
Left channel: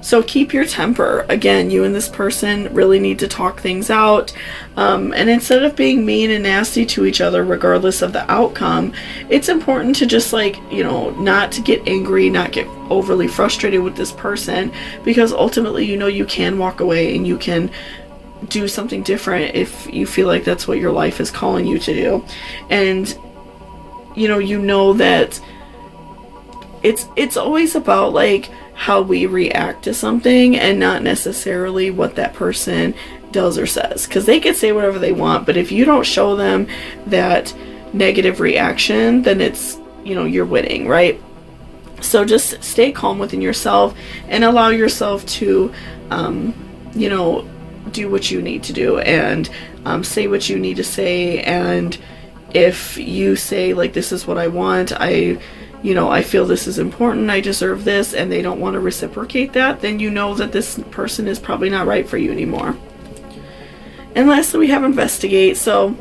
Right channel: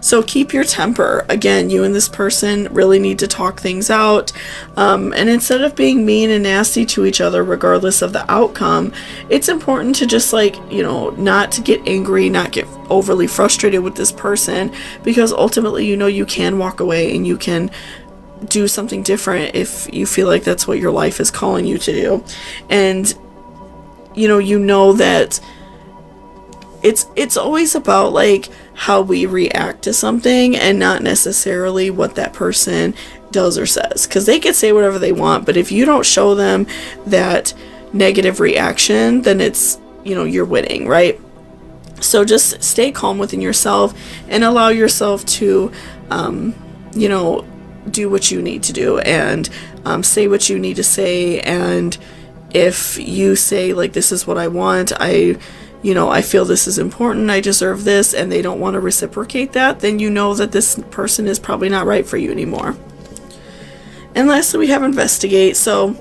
So keep your temper. Again, you and this person really need to talk things out. And instead of being mean and nasty to each other, regardless of the outcome, it's important to just like, not to get angry, not get overly frustrated with this person, because ultimately, you can walk away and you can do something different if you feel like that's what your life is calling you to do. And, that it's always about like how we react to something, and not necessarily what that person does or says, because they can say whatever they want, but if you don't show them that negative reaction, then it's, you're winning, right? So just stay calm within yourself and allow yourself to do what you need to do, and say what you need to say. And if you say like, this is what I want, I feel this is important, I deserve this, and they don't want to reciprocate that, then that this person is probably not right for you anymore. And lastly, we have investigate. So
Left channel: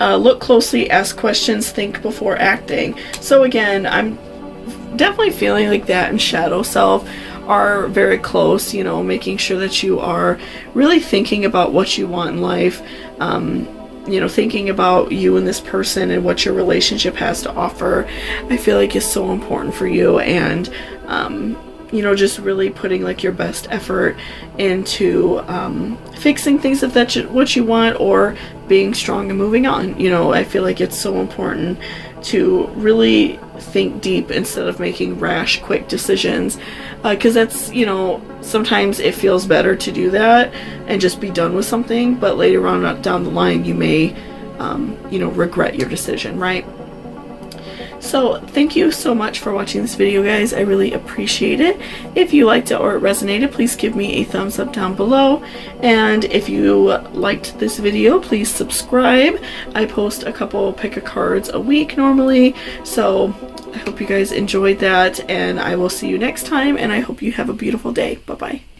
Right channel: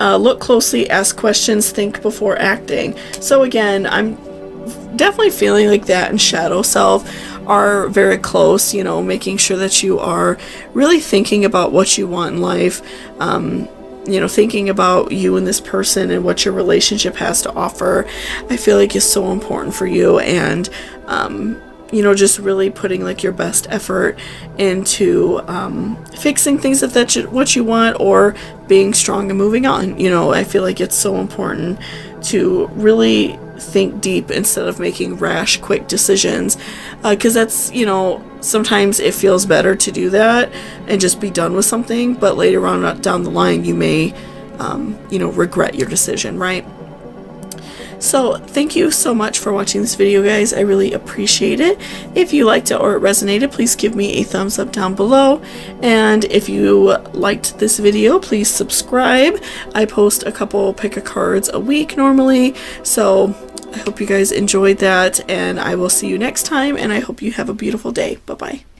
look closely, ask questions, think before acting. So again, I'm definitely feeling like that and shadow self are very close, making sure that you are really thinking about what you want in life, thinking about you and this person and what your relationship has to offer, I feel like is so important for you. And, just really putting like your best effort into fixing things that's what you want, or being strong and moving on. I feel like it's so important to really think deep instead of making rash, quick decisions, because that's, sometimes it feels better to do that and just be done with something, but later on down the line you may regret your decision, right? So thank you so much for watching this video, guys. I really appreciate it. If you liked it or it resonated, please give me a thumbs up down below. And if you liked this video, please subscribe. I post a couple pick-a-cards a week normally. So I hope you guys enjoyed that, and I will see you next time, and I hope you have a beautiful day. Bye-bye.